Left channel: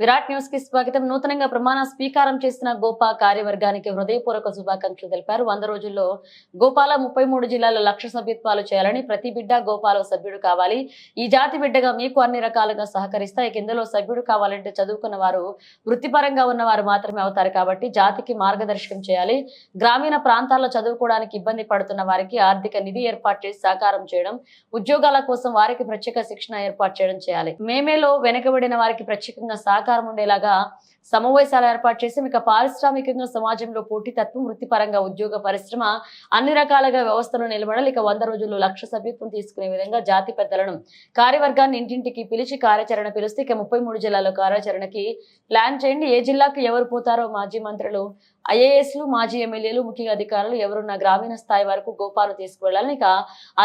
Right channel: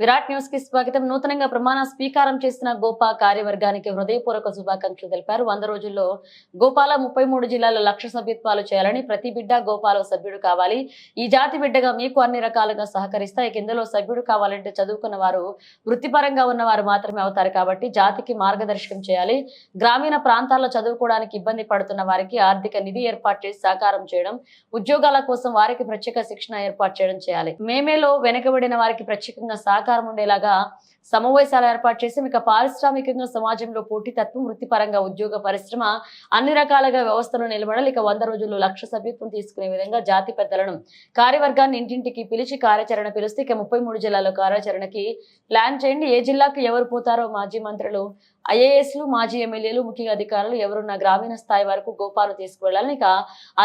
Virat news కి స్వాగతం. నూతనంగా ప్రమాణ స్వీకారం చేసిన గోపా కార్యవర్గానికి హృదయపూర్వక శుభాకాంక్షలు తెలిపారు. 100 రోజుల్లో గోపాల 33 జిల్లాల్లో 1,00,000 సభ్యత్వాలు చేయాలని, ప్రతి బిడ్డ గోపాల సభ్యుడు కావాలి. ఈ జాతి బిడ్డగా మీకు అన్ని రకాలుగా సహకరిస్తా. ఇందులో సభ్యుడు కావాలంటే చదువుకున్న వారు, వృత్తిపరంగా ఉన్నవారు మాత్రమే అవుతారు కాబట్టి జాతికి మార్గదర్శకం చేయాలి. గ్రామీణ ప్రాంతాల్లో చదువుకోవడానికి ఇబ్బంది పడుతున్న వారికి ఆర్థిక నిధి ఏర్పాటు చేసి సహకారం చేయడం, ఉద్యోగాల కోసం వారికి ప్రత్యేక శిక్షణ ఏర్పాటు చేయడం చేయాలి. మేమేలో వెనుకబడిన వారికి ప్రత్యేకంగా సహకారం ఉండేలాగా సమావేశాలు ఏర్పాటు చేసి మీకు పారిశ్రామికంగా సమాజంలో పోటీతత్వం, వృత్తిపరంగా ఉద్యోగ పరిశ్రమ అన్ని రకాలుగా వ్యవస్థలు నిలబడాలి. 100 రోజుల్లో 1,00,000 సభ్యత్వం తీసుకునే విధంగా జాతి పెద్దలను, కార్యవర్గాన్ని ఇంటింటికి పిలిచి కార్యాచరణ పిలిస్తే 33 జిల్లాల్లో కార్యాచరణకి ప్లాన్ చేయండి. ఏ జిల్లాకు ఎవరు పోతారో మాజీ మంత్రులు, ఐఏఎస్లు, మాజీ ఎమ్మెల్యేలు, ముఖ్య అధికారులు ఎవరున్న గ్రామీణ స్థాయి వరకు గోపాను తీసుకువెళ్ళాలని.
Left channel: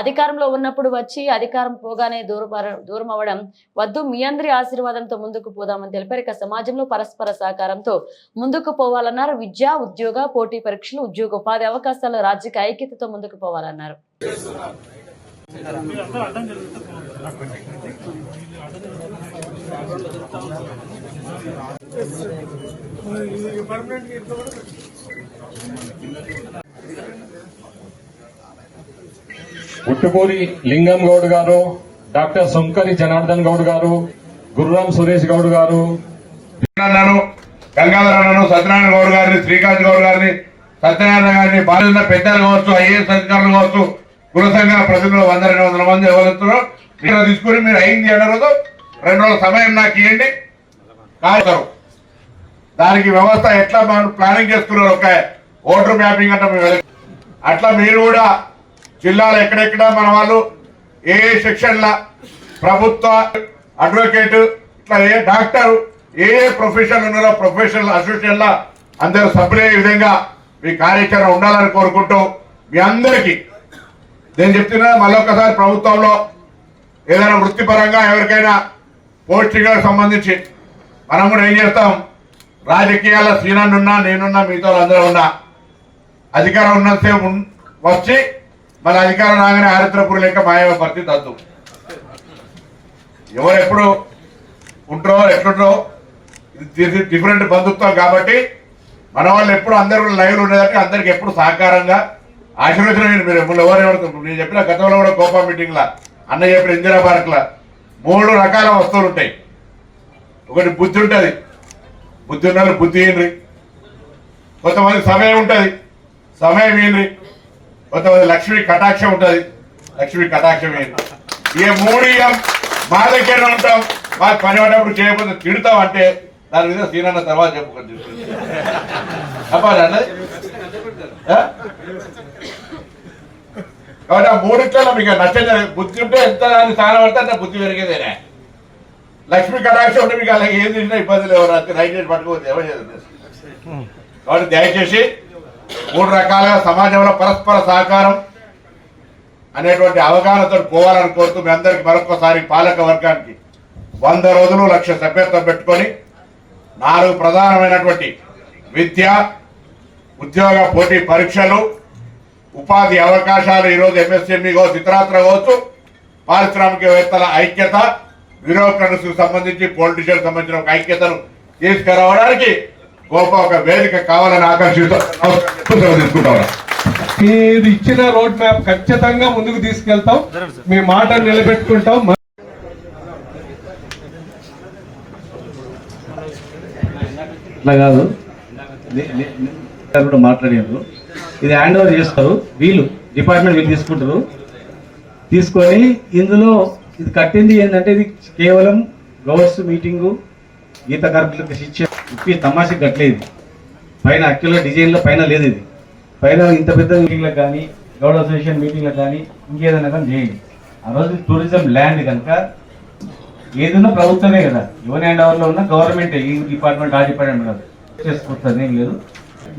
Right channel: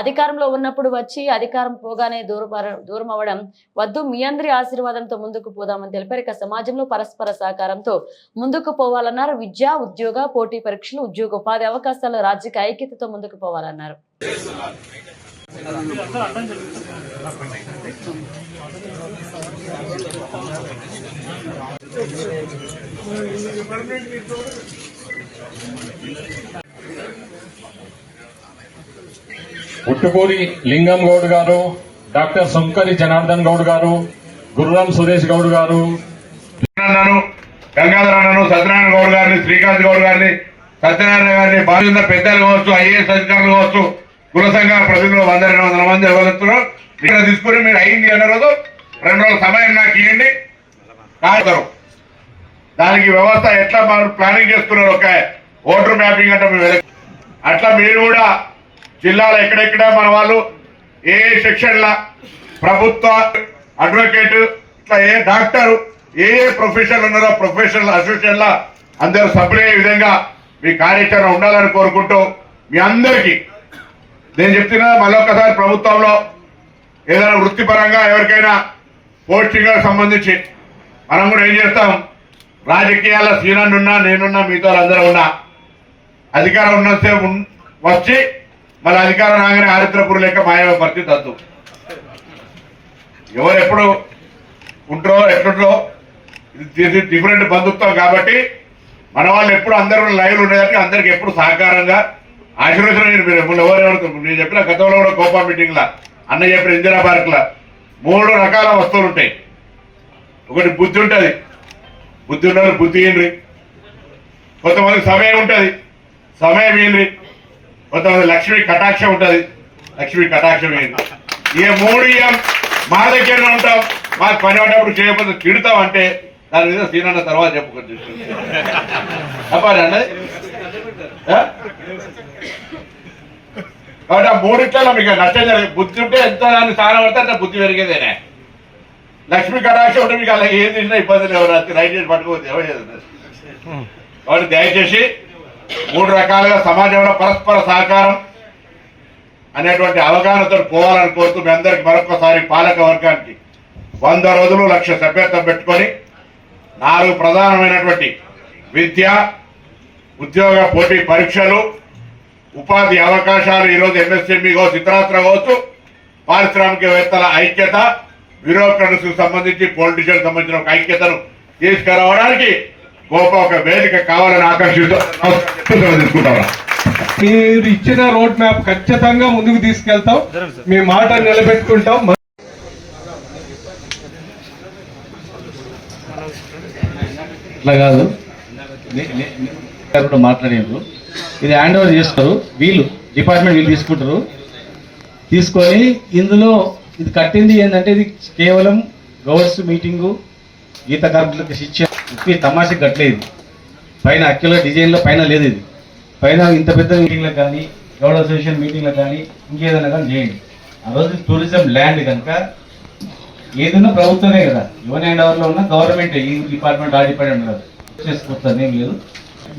అధికారంలో ఉన్నప్పుడు వచ్చి అధికారం పోగానే దూరం అవ్వడం వద్దు. మీ అందరి ఆశీర్వాదంతో ముందుకు పోదామని తెలిపారు. సమాజంలో పరస్పర సహకారంతో ముందుకు పోవాలన్నారు. విద్య, ఉద్యోగ, పోటీ పరీక్షలు, ఉద్యోగ ఉపాధి అవకాశాలు, రాజకీయ ఐక్యతతో ముందుకు పోవాలన్నారు. ఉట్టుకూరి లింగం గౌడ్ గారు, డాక్టర్ సుంకరి జనార్దన్ గౌడ్ గారు, గుర్రం సురేష్ గౌడ్ గారు, గంగాధరను, సత్యనారాయణ గౌడ్ గారిని, శ్రీకాంత్ గౌడ్ గారిని, సత్యనారాయణ గారిని, బాధ్యత పెద్దలు కావచ్చు, ఐఏఎస్ అధికారులు కావచ్చు, కుల సంఘ ప్రజలు 100-200 మంది ఎవరుతున్నారు. ఇక్కడ తీసుకుని మీరు అయింది అన్న రోజు 2 రోజుల సమయం నాకు ఇవ్వండి. దానికి వ్యవస్థ ఎట్లా మనం ప్లానింగ్ చేస్తున్నారు. ఒక ఓటర్ మ్యాపింగ్ అంటే అట్లా మీరు కూడా జిల్లాలో ఎక్కడెక్కడ మన వాళ్ళు ఏ సెక్షన్ల ప్రభుత్వ అడ్వకేట్, ఇట్లా ఏ డాక్టర్, ఏ ప్రొఫెషన్లు ఉన్నారో ప్రొఫెషనల్ అసోసియేషన్ల అందరూ సభ్యులయ్యే విధంగా మీ కార్యాచరణ ఉండాలని కోరుకుంటూ, మీ అందరికీ నేను చెప్తున్నా మళ్ళొక్కసారి ప్రభుత్వంలో ఏదైనా వృత్తిపరంగా ఎవరికైనా పోస్టింగ్లకు సంబంధించి మనం కూడా ఏం చేస్తాం, రాజకీయాల్లో సీనన్నున్నా, నేనున్నా, మీతో అందరూ ఉన్నా, అధికారం ఉన్నంతసేపు వచ్చి మళ్ళీ అధికారం రాగానే ఆరిద్రపురు లేక మాయమ పరిస్థితి వద్దు. ఎవరు ఎప్పుడు ఉంటారో ఎట్లుంటారో ఇది డిఫరెంట్ బంధుత్వం కాబట్టి మన వాళ్ళు ఎప్పుడు అందరూ లైవ్ ఉండేదానికి అందరికి ఎప్పుడు సహకారంగా ఆశీర్వచనం. మీరు ఎవరెవరు నేను చెప్పిన గతంలో కూడా కోపా మీటింగ్ లా అన్న చెప్పిన ఇందిరా పార్క్ లా 3 రకాల వస్తువులు ఉంటాయి. ఒకటి బుద్ధి ఉంటుంది, బుద్ధి ఉన్న వాళ్ళు బుద్ధి ఇయ్యండి. కొంతమంది సమయం ఉంటుంది, సమయం ఇయ్యండి. కొంతమంది లక్ష్మీ కటాక్షం ఉంటుంది, లక్ష్మీ కటాక్షం ఇయ్యండి. ఈ 3 మా దగ్గరనే ఉంటాం. మాకు పని పడ్డప్పుడు చేయకపోతే తిడతాం అంటే దాని మీద సీనన్న తర్వాత చెప్పుకొని అన్నది. కాబట్టి ఆ 3 మీకు నష్టం జరిగింది. బుద్ధి ఉంటే ఎంత దాన్ని సారం పడితే అంత బుద్ధి పెరిగేదేనే. లక్ష్మీ కటాక్షం ఉంటే మీకు అలా ఏది తిన్నా ఇబ్బందులు ఎవరు రైట్ చేసి పట్టుకోవద్దు, ఎవరు చేస్తుంది. కాబట్టి దయచేసి 3 రకాలుగా సమాజంలో పరస్పర సహకారం అనేటువంటి అవగాహనతో పోవాలని కోరుతూ మీ అందరికీ మరొకసారి పాలక వర్గానికి 100 రోజులు 1,00,000 సభ్యత్వం పెట్టుకొని 4 ప్రధానమైనటువంటి విద్య, ఉద్యోగ పోటీ పరీక్షలు, ఉపాధి అవకాశాలు, ఈరోజు ఎంఎస్ఎంఈ కావచ్చు, ఇతరాత్ర కావచ్చు, పారిశ్రామికవేత్తల ఐక్యత, బ్యూరోక్రట్స్ సంబంధించి పొలిటీషియన్ సంబంధించిన ఒక ఐక్యతను తీసుకురావడానికి గొప్ప ఒక వేదిక కావాలని ఆకాంక్షతో తీసుకుంటాం. మీరు ఇచ్చిన రోడ్ మ్యాప్ ఖచ్చితంగా ముందుకు తీసుకెళ్తాం, మీ మాట నిలబెట్టుకుంటాం. ఇట్లా కాదు కూడా మాట్లాడారు. ఇది హ్యాండ్ ఓవర్ చేస్తారు, వీళ్ళు డిపార్ట్మెంట్ వీళ్ళు తీసుకుంటారు. తీసుకొని ఇందులో ఇది కట్టింది ఏంటంటే ఇది కేవలం గవర్స్ మీటింగు, గీత కార్మికులకు శిక్ష ఇప్పి తమాషకి కట్టలేదు. పైన అక్యులర్ డిజైన్లో పైన లేదు. ఇది పైన ఇంత పెద్ద మీటింగ్లకు కానీ, గౌడ్ అసోసియేషన్ మీటింగ్లకు కానీ, ఇంకేదైనా కానీ చేయండి. ఆ రోజు టూరిజం ల్యాండ్ కనుక ఏదన్నా ప్రభుత్వమే కదా, యువన్ హ్యాండ్ ఓవర్లో ఉన్న గవర్నమెంట్, ఈ డిపార్ట్మెంట్ ఆ డిపార్ట్మెంట్ కాదు. చేసుకొస్తుంది ఏం లేదు,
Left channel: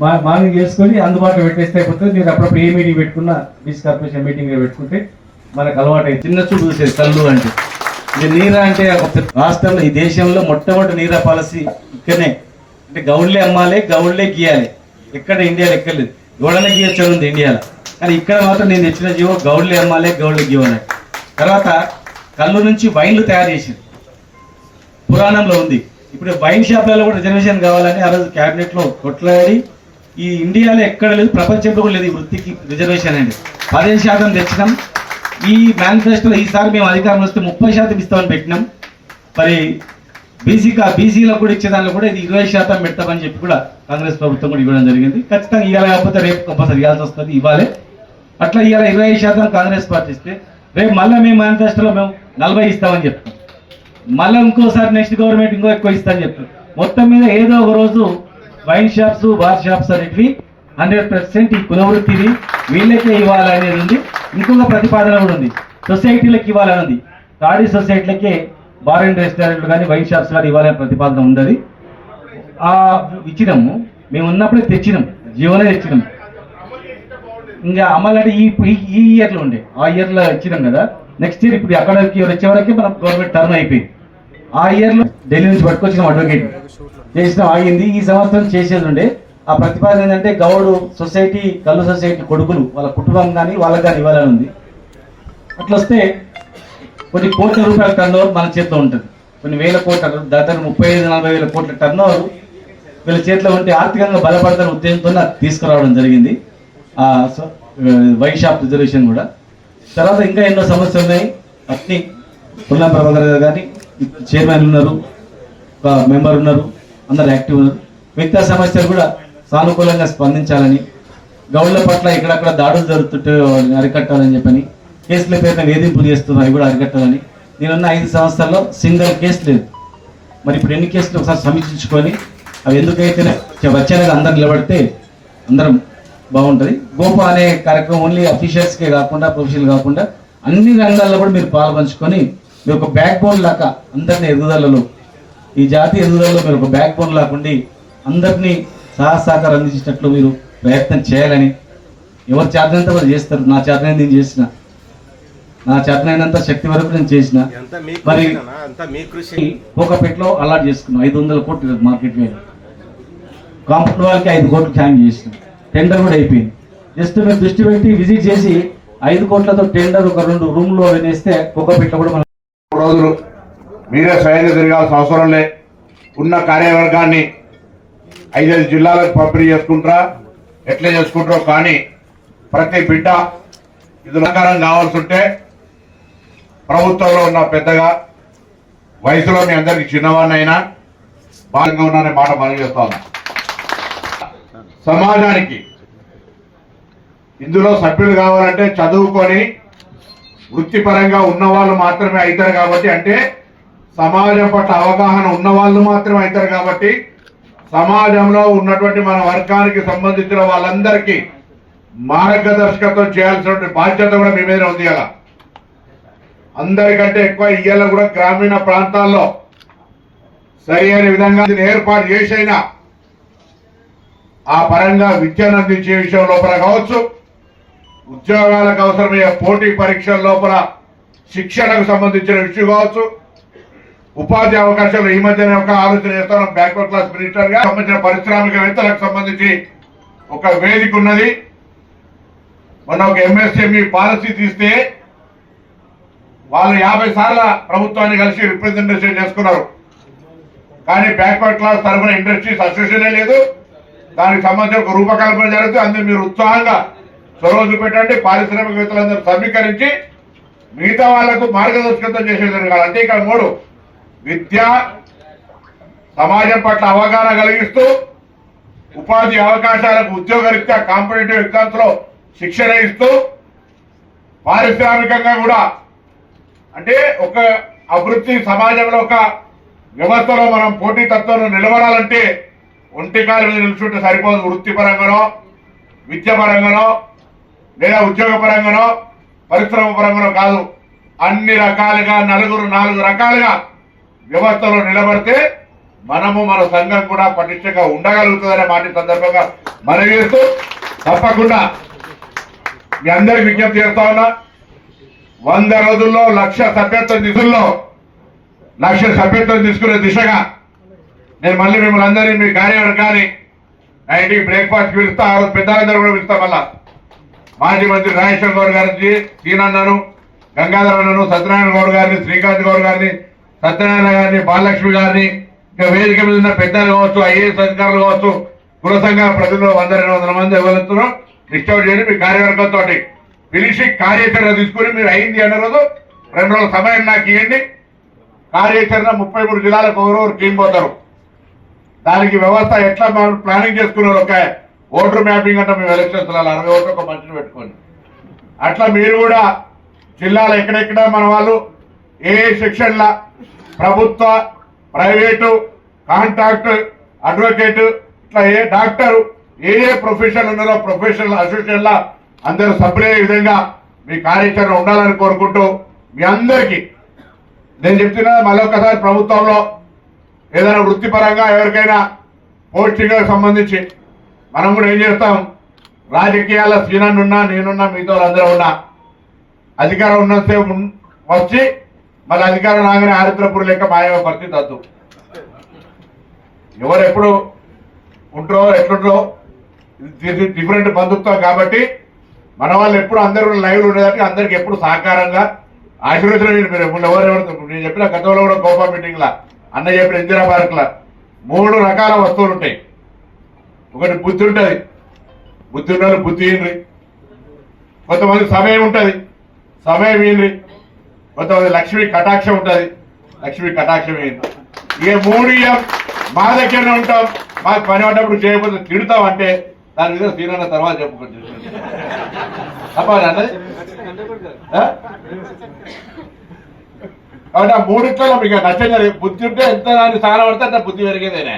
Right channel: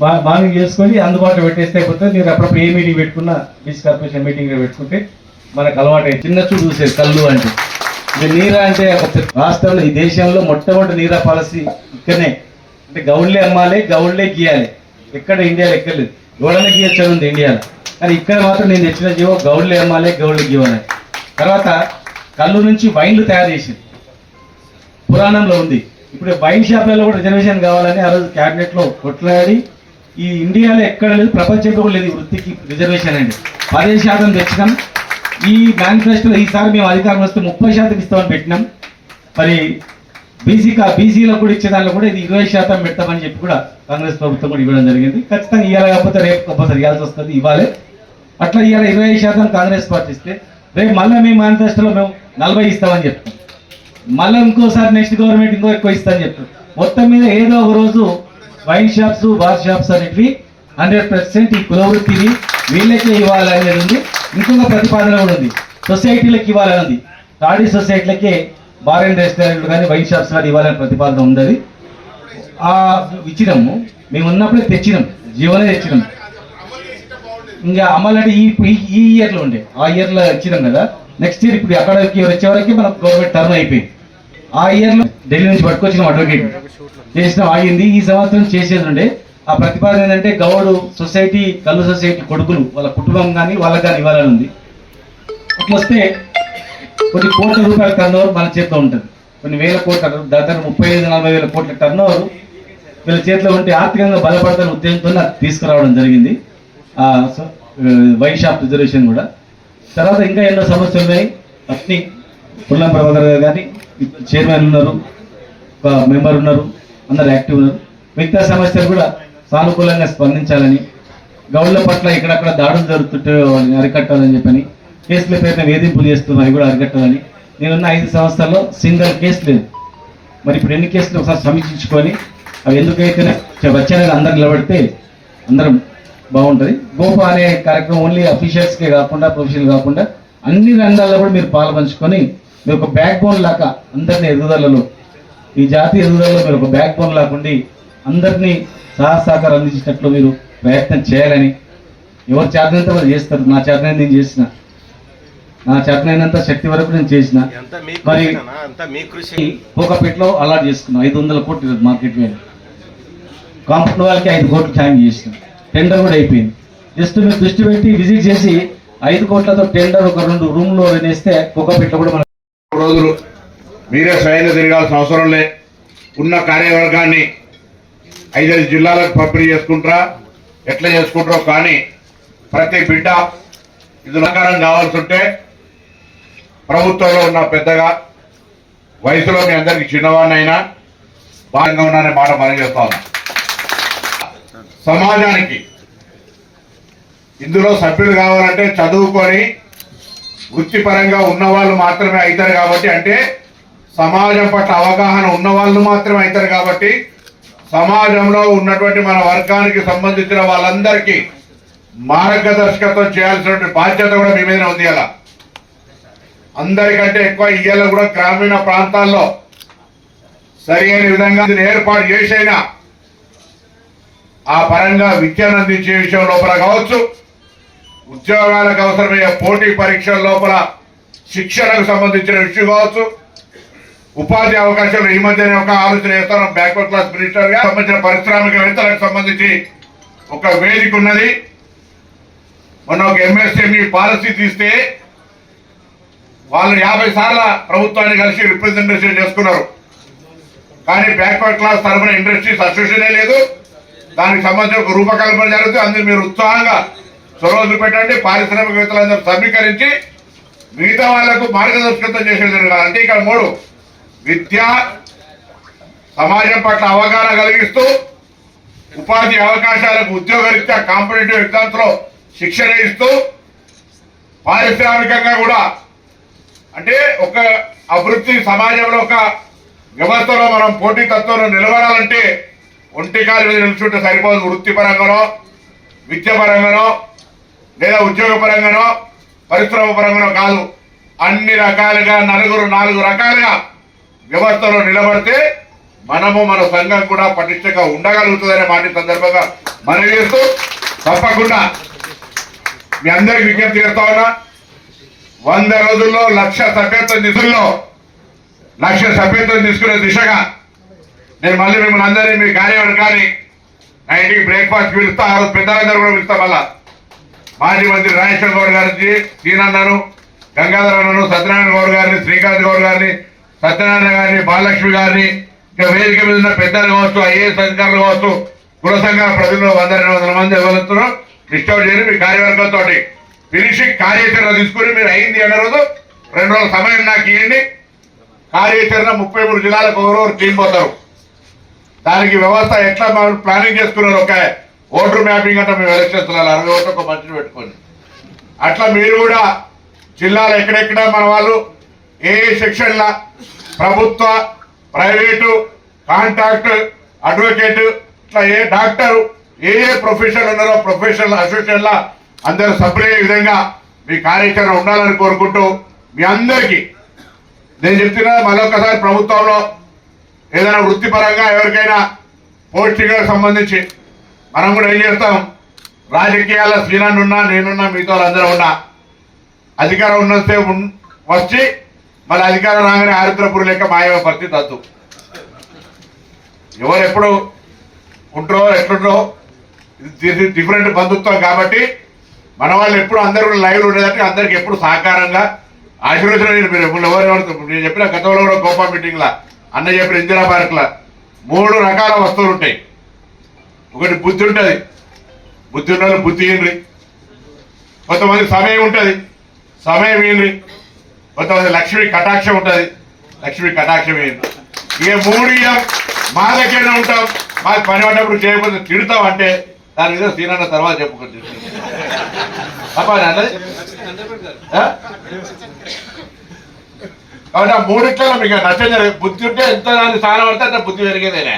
బాగా చేసుకొని అందుబాటులో పెట్టేస్తే అయిపోతుంది. మీరు అప్పుడప్పుడు ఏ మీటింగ్ పెట్టుకున్నా, బీచ్ కార్పొరేషన్ మీటింగ్ పెట్టుకుంటే మనకు అలవాటు అయ్యి చిన్న చూడు చూసేది కళ్ళు అంటే. మీరు నీరా అంటే ఒక రాష్ట్రంలో, ఈ దేశంలో మొట్టమొదటి నీరా పాలసీ ఇక్కడనే. అంటే గౌడ్లే అమ్మాలి, గౌడ్లే గీయాలి. ఎక్కడ ఇండియాలో ఎక్కర్లేదు, గౌడనే గీయచ్చు ఉంది ఇండియాలో. కానీ ఇక్కడ మాత్రం నేను తెచ్చిన జీవో గౌడ్లే అమ్మాలి, గౌడ్లే గీయాలి. తర్వాత కళ్ళు నుంచి వైన్లు తయారు చేసింది, పురాణంలో ఉంది. ఇప్పుడు వైన్ షాప్లలో కూడా రిజర్వేషన్ కావాలని ఆ రోజు క్యాబినెట్ లో కొట్లాడి ఈ ఇండియాలో ఎక్కడ లేదు, ప్రపంచంలో కూడా లేదు ఈ వృత్తికి రిజర్వేషన్ అండి. 15% తెచ్చినాం. ఈ మేనిఫెస్టోలో ఈసారి మేము అధికారంలో వస్తే 30% ఇస్తామని పెట్టినాం. మరి బీసీలకు కూడా ఇచ్చే దానిలో కూడా ఇది 20% పెడతామని చెప్పి కూడా కాంగ్రెస్ ప్రభుత్వం కూడా ఇవ్వడం జరిగింది. ఖచ్చితంగా ఇవ్వాలి, కాకపోతే రేపు కంపల్సరీ ఇవ్వాల్సి వస్తుంది, ఇవ్వాలి. అట్లా ఇవాళ 20% కాంగ్రెస్ పార్టీ ఇస్తే రేపు మళ్ళీ మేము మేనిఫెస్టోలో మేము 40 ఇస్తామని చెప్తాం. మళ్ళీ ఇంకోసారి నెక్స్ట్ గవర్నమెంట్ ఇంకో ఎక్కువ ఇస్తామని చెప్తాం. మొత్తం మీద ఏదో ఒక రోజు వైన్ షాప్స్, బార్ షాప్స్ అనేటివి 100% ఈ కులవృత్తిని వీళ్ళకే ఇవ్వాలనేది ఉంది. ఇంకొక ప్రతిపాదన కూడా ఉంది, సొసైటీలకు ఇవ్వాలని ఉంది. ఖాళీ సొసైటీలకే బార్ అండ్ రెస్టారెంట్లు కానీ వైన్ షాప్స్ కానీ ఇవ్వాలనే ప్రతిపాదన ఉంది. ఇచ్చినాము, మేము ఉన్నప్పుడే తెచ్చినాం, జీవోనే తెచ్చినాం. ఇంకా అమలు అంటే ఈ ఇయర్లో ఉండే, ఆ ఇయర్లో ఇచ్చినాం కదా. నెక్స్ట్ ఇయర్ ఇప్పుడు అక్కడికి వచ్చే వరకు మన గవర్నమెంట్ టర్న్ అయిపోయింది. ఆ ఇయర్లో ఢిల్లీ నుంచి పట్టుకొచ్చిన అడ్వకేట్ చేసిన ఆగింది. ఈ సంవత్సరం చేసేది ఉండే. ఆ ప్రతిపాదన ఏంటంటే గౌడు సొసైటీ, కళ్ళు సొసైటీ కొడుకులు వాళ్ళ కుటుంబం కానీ వాళ్ళకి కానీ ఇవ్వాలని ఉంది. అట్లా వస్తే కొన్ని కోట్ల రూపాయల టర్న్ ఓవర్ మన చేతిలో ఉంటుంది. కొన్ని వేల కోట్ల, దాదాపు 35-40 వేల కోట్ల టర్న్ ఓవర్ వీళ్ళ చేతిలో ఉంటే ఆర్థికంగా బలపడతాన ఉద్దేశంతో తీసుకురావడం జరిగింది. వైన్ షాప్ రిజర్వేషన్ కూడా. తర్వాత ఇంకా ఎన్నో సమస్యలు ఉన్నాయి. అట్ని పుల్లం ప్రభాకర్ గారు కానీ చైర్మన్ ఉన్నారు, ఒక మెంబర్ ఉన్నారు, అందరు యాక్టివ్ ఉన్నారు. మిగతా సమస్యలు కూడా సానుకూలంగా స్పందించాలని, గౌడ్ల పట్ల ఇక్కడక్కడ దాడులు జరుగుతుంటే వాళ్ళని అరికట్టాలని చెప్పని, కేసుల పేరున వేధింపులు చేస్తున్నారు అవి కూడా అరికట్టాలని. నేనున్న 5 సంవత్సరాల్లో సింగిల్ కేసు లేదు. మరి ఇప్పుడు ఎన్ని కేసులు ఒకసారి సమీక్షించుకొని అవి ఎందుకైతే వచ్చేది అందరు నిలబడితే అందరం బాగుంటుంది. గోపా అనే కార్యక్రమం ఓన్లీ అఫీషియల్స్కే కాకుండా, ప్రొఫెషనల్ కాకుండా అన్ని రంగాల్లో కూడా మీరు పాల్పంచుకొని మీరు ఒక బ్యాక్ బోన్ లాగా అందరినీ ఎదుగుదలలో, ఈ జాతీయ ఎదుగుదలలో మీరు ఒక బ్యాక్ బోన్ లాకుండి అందరినీ సహకారం అందించేటట్లు మీరు ప్రయత్నం చేయాలని. ఎవరు చేతనంత వాళ్ళు చేస్తారు. నా చేతనైన నేను చేసిన, నా చేతనైనంత శక్తి వరకు నేను చేసిన. మరి పోకపేటలో అలాట్ చేసుకున్నాం 500 కోట్లు మార్కెట్ మీద. కాంపౌండ్ వాళ్ళకి 5 కోట్లు ఛార్జ్ చేసినాం. టెండర్ కూడా అయిపోయింది. జస్ట్ మీరు దృష్టి పెట్టి విజిట్ చేసి 5 కోట్లతో టెండర్ ఒక 2 రూమ్లో వినేస్తే పోకపేటలో కూడా మనం రోజులు మీరే స్వయంగా తిరగాల్సిన అవసరం లే. ఉన్న కార్యవర్గాన్ని 5 జిల్లాలకు పంపిణీ చేసుకుంటారా, ఎట్లా చేసుకుంటారో కానీ ప్రతి బిడ్డ ఇది ప్రకారం కావాల్సి ఉంటే ప్రభుత్వంలో ఉన్న పెద్దగా వయసులో మీ అందరికి చిన్నవాడినైనా బాగా ఉన్నానే మాట మనం చేస్తా ఉన్నా. సమాజానికి ఇందులో సభ్యులు కావాలంటే చదువుకొని వృత్తిపరంగా ఉన్నవాళ్ళు మాత్రమే అవుతారు కాబట్టి, అంటే సమాజం పట్ల అవగాహన ఉన్న వాళ్ళు మాత్రమే అవుతారు కాబట్టి, సమాజంలో ఉన్నటువంటి మన వర్గానికి సంబంధించిన వాళ్ళందరికీ మార్గదర్శకత్వం చేయాల్సిన బాధ్యత కూడా మీ మీద ఉంది. అలా అందరికంటే ఎక్కువ ఇయ్యాల కూడా గ్రామీణ ప్రాంతాల్లో సరి అయిన విధంగా ఏర్పాటు చేసైనా ఆ పరంగా విద్యను అందించే విషయం లోపల కావచ్చు, ఉద్యోగాలకు అవసరమయ్యే పోటీ పరీక్షల లోపల శిక్షణకు సంబంధించిన విషయం కావచ్చు, ఉపాధి అవకాశాలు ఈ మధ్యనే ఒక ఆలోచన చేస్తాం. బ్యాక్వర్డ్ క్లాస్ మినిస్టర్ గా సంబంధించిన పారిశ్రామికవేత్తలకు సంబంధించి ఒక వేదిక ఉన్నది. మొన్న ఒక ఎంఎస్ఎంఈ పాలసీ తీస్తే వాళ్ళు 50 సార్లు ప్రభుత్వాన్ని కలిసి రిప్రజెంటేషన్ చేసుకున్నారు. కానీ బ్యాక్వర్డ్ క్లాస్ తరఫున ఇండస్ట్రీస్ అసోసియేషన్ లేదు. దానికి సంబంధించి ఒక రూపకల్పన జరుగుతుంది. అందుకు మీరు ఉత్సాహంగా చొరవ చూపెట్టండి. పారిశ్రామికవేత్తలందరూ సమీకరించి మిగతా వాళ్లకు మార్గదర్శకత్వం చేసేది కాదు. అంటే ఇక్కడ 3: విద్య, సమాజం పట్ల అవగాహన కలిగిస్తూ, ఉపాధి అవకాశాలకు ఉద్యోగరీత్యా కాంపిటేటివ్ ఎగ్జామ్స్ లో శిక్షణ ఇస్తూ, పారిశ్రామికంగా కూడా అంటే ఒక అభివృద్ధి సమాజంలో ఒక వ్యవస్థలో మనం పోటీతత్వంలో నిలబడాలంటే ఒంటికాల మీద నిలుచుంటే సరిపోదు. వృత్తిపరంగానో, విద్యాపరంగానో, లేదా ఉద్యోగ పరంగానో, పరిశ్రమ పరంగానో కాదు. అన్ని రకాలుగా 4 రకాలుగా వ్యవస్థలో నిలబడితే మనము మన సంఘం కూడా పటిష్టంగా ఉండగలుగుతుందనే మాట సందర్భంగా మనం చేస్తూ, తప్పకుండా మీ అందరికి విజ్ఞప్తి చేస్తా ఉన్నా. 100 రోజుల్లో 1,00,000 సభ్యత్వం నిధుల్లో 1,00,000 సభ్యత్వం తీసుకునే దిశగా నేను మళ్ళీ మిమ్మల్ని అందరినీ మీ కార్యవర్గాన్ని నా ఇంటికి బ్రేక్ఫాస్ట్ పిలుస్తా. ఆ రోజు పెద్దలందరూ కూడా పిలుస్తా. మళ్ళా మాజీ మంత్రి రాజేశ్వర గౌడ్ గారికి, సీనన్నను, గంగాధర అన్నను, సత్యనారాయణ గౌడ్ గారిని, శ్రీకాంత్ గౌడ్ గారిని, సత్యనారాయణ గారిని, బాలలక్ష్మి గారిని, ఇంకా వేదిక మీద ఉన్న పెద్దలు కావచ్చు, ఐఏఎస్ అధికారులు కావచ్చు, కుల సంఘాల ప్రతినిధులు 100-200 మంది ఎవరుతున్నారో డిస్టర్బ్ చేసి మీ కార్యవర్గంతో పిలిచి కార్యాచరణ తీసుకుని మీరు అయింది అన్న రోజు 2 రోజుల సమయం నాకు ఇవ్వండి. కార్యాచరణ 33 జిల్లాలకు ఎవరెవరు టీం పోతారు, దానికి వ్యవస్థ ఎట్లా మనం ప్లానింగ్ చేసుకున్నారు. ఒక ఓటర్ మ్యాపింగ్ అంటే మేము ఎలక్షన్స్ 60 ఓట్లు ఒక మనిషిని పెట్టుకోండి. అట్లా మీరు కూడా జిల్లాలో ఎక్కడెక్కడ మన వాళ్ళు ఏ సెక్షన్ల ప్రభుత్వ, ప్రైవేటు, కాంట్రాక్ట్, అడ్వకేట్, ఇట్లా ఏ డాక్టరు ఏ ప్రొఫెషన్ ఉన్నారో ప్రొఫెషనల్ అసోసియేషన్ల అందరూ సభ్యులయ్యే విధంగా మీ కార్యాచరణ ఉండాలని కోరుకుంటూ మీ అందరికీ నేను చెప్తున్నా. మరొకసారి ప్రభుత్వంలో ఏదైనా వృత్తిపరంగా ఎవరికైనా పోస్టింగ్లకు సంబంధించి మనం కూడా ఏం చేస్తాం, రాజకీయాల శ్రీనాన్ని ఉన్నా నేనున్నా మిగతా అందరూ ఉన్నా అధికారం ఉన్నసేపు వచ్చి మళ్ళీ అధికారం రాగానే ఆరిద్రపురు లెక్క మాయమే పరిస్థితి వద్దు. ఎవరు ఎప్పుడు ఉంటారో ఎట్లుంటారో ఇది డిఫరెంట్ బంధుత్వం కాబట్టి మన వాళ్ళు ఎప్పుడు అందరూ లైవ్ ఉండేదంటే అందరికి ఎప్పుడు సహకారంగా ఆశీర్వచనం. మీరు ఎవరెవరు నేను చెప్పిన గతంలో కూడా కోపా మీటింగ్లా అన్న చెప్పిన ఇందిరా పార్క్లా 3 రకాల వస్తువులు ఉంటాయి. ఒకటి బుద్ధి ఉంటుంది, బుద్ధి ఉన్న వాళ్ళు బుద్ధి ఇన్రి, కొంతమంది సమయం ఉంటుంది, సమయం ఇన్రి, కొంతమంది లక్ష్మీ కటాక్షం ఉంటుంది, లక్ష్మీ కటాక్షం ఇన్రి. ఇక 3 మా దగ్గరనే ఉంటాం, మాకు పని పడ్డప్పుడు చేయకపోతే తిడతాం అంటే దాని మీద సీనన్న తర్వాత చెప్పుకోండి. కాబట్టి ఆ 3 మీకు నచ్చని బుద్ధి ఉంటే ఎంత దాన్ని స్థానం పడితే అంత బుద్ధి పెరిగేదేనే.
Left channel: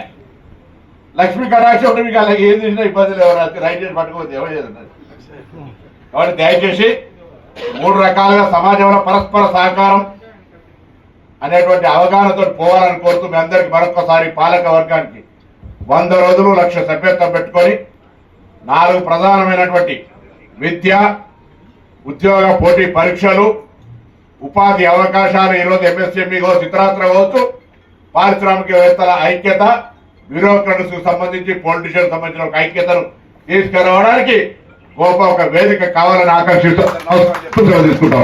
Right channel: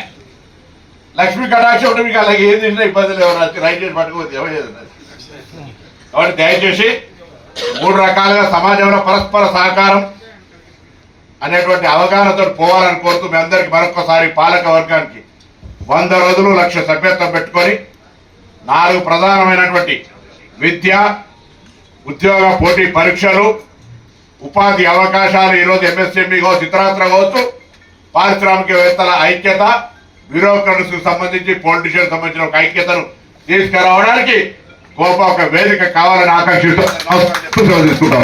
లక్ష్మీ కటాక్షం ఉంటే మీకు అలాగే ఏది తింటే ఇబ్బందులు ఎవరు రైట్ చేసి పట్టుకోవద్దు ఎవరు. కాబట్టి దయచేసి 3 రకాలుగా సమాజంలో పరస్పర సహకారం అనేటువంటి అవగాహనతో పోవాలని కోరుతూ మీ అందరికి మరొకసారి పాలక వర్గానికి 100 రోజులు 1,00,000 సభ్యత్వం పెట్టుకొని 4 ప్రధానమైనటువంటి విద్య, ఉద్యోగ పోటీ పరీక్షలు, ఉపాధి అవకాశాలు, ఈరోజు ఎంఎస్ఎంఈ కావచ్చు, ఇతరత్ర కావచ్చు, పారిశ్రామికవేత్తల ఐక్యత, బ్యూరోక్రట్స్కి సంబంధించి పొలిటీషియన్ సంబంధించిన ఒక ఐక్యతను తీసుకురావడానికి గొప్ప ఒక వేదిక కావాలని ఆకాంక్షిస్తూ తీసుకుంటాం.